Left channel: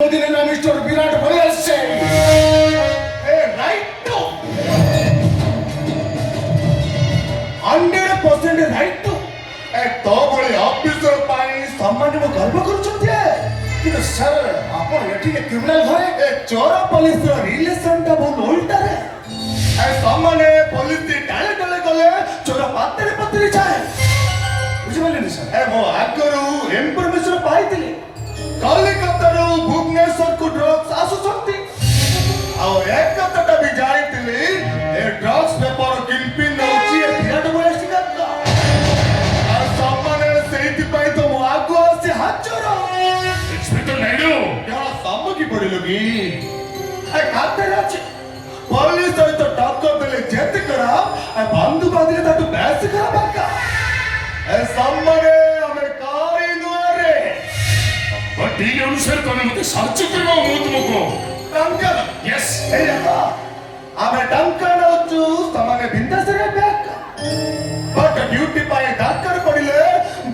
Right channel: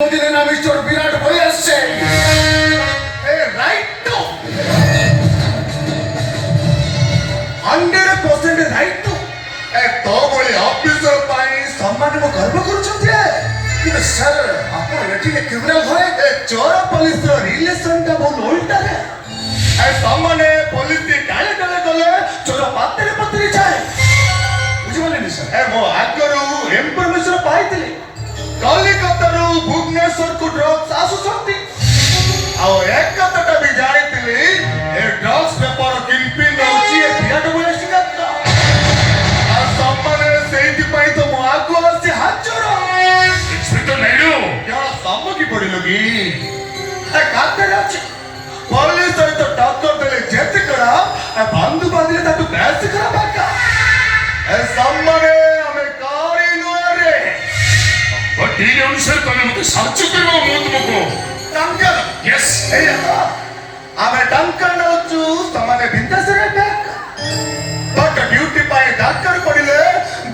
দিলেন না মিস্টার বিরাট হয়ে আসছে রাইট টু 100% রাইট টু তো বলি অফিসর পাই সম্মানକୁ ଗର୍ବ କରୁଛନ୍ତି କିନ୍ତୁ ସାର୍ ଆପଣ ଏଠିରେ କ୍ରିମିନାଲ ଘରେ ଚୋର ପୋଲିସର ରିଲେସନଟା ବହୁତ ଓଲଟାରେ ସମ୍ମାନେ ପୋଲିସ ଡାଳେ ଡାଳେ ଗଲେ ଚୋର ପାତରେ ପତରେ ଯାଏ ବୁଝିପାରିଲେନି ସାର୍ ମୋ ଆଗରୁ ଇନଫର୍ମେସନ ପାଇଥିଲି କଲିକତାରୁ ଭୁବନେଶ୍ୱରକୁ ଡ୍ରଗ୍ସ ଆସୁଛନ୍ତି ଆଉ ଏକ କଥାଟା ବି ଜାଣିଥିଲି ଏ ଡ୍ରଗ୍ସ ବେପାର କିମ୍ପିନ୍ ରହୁଛି ଏ ବିରାଟ ବଳିଆ ଶିକାରର ଆଉ ସମ୍ମାନେ ସେଇଥିପାଇଁ ତ ମୁଁ ଆଗକୁ ଆସିଛି ହାଜର ଇନ୍ସପେକ୍ଟର ନାଇଡୁ କ'ଣ ସମ୍ମୁଖୀ ପଡ଼ିଲୁ କି ଏ ଖାତାରେ ଅଛି ପୋଲିସ ସହିତ ଟକ୍କର ଦେଲେ ଯେତେ ଖରାପ ବନ୍ଧୁ ବାନ୍ଧିଲେ ତାଠୁ ବେଶୀ ଖରାପ ଆକା ଏ ସମ୍ମାନେ ଆମେ କାରି ନୁହେଁ ରେ ବଟ୍ ଏଇ ଅନୁସାରେ ତମେ ମୋତେ ସାହାଯ୍ୟ କରିବ ମୁଁ ତୁମକୁ ଟଙ୍କା ୟେସ୍ ଏଇଟା ତ ଆମେ ଟଙ୍କା ନେଉଛୁ ସେମାନେ ବିନ୍ଦାସରେ ବ୍ୟାକ୍ ବଟ୍ ଡ୍ୟୁଟି ପାଇଁ ଦରକାର ପଡ଼ିଲେ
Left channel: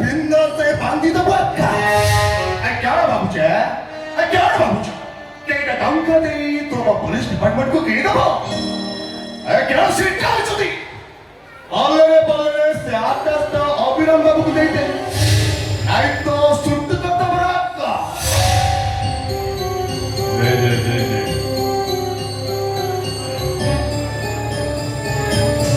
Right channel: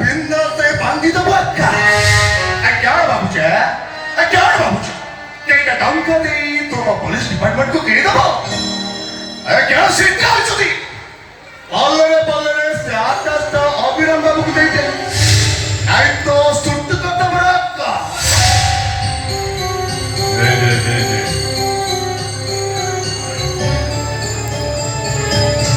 ବିନ୍ଦାସରେ ବାନ୍ଧିଦେବୁ ଏକା କ'ଣ ଭାବୁଛ କ'ଣ ଭାବୁଛ କେଇଟା ଟଙ୍କା ଦେଇ ତୁମ ପୋଲିସ ଡିପାର୍ଟମେଣ୍ଟକୁ କିଣିଦେବ କ'ଣ ଶିକ୍ଷା ଅଛନ୍ତି ପଲ୍ଲରେ ପଲ୍ଲରେ ସେ ଆକାଶଟା ଅବିରାମ ବାବୁକୁ ଦେଇଦେଲେ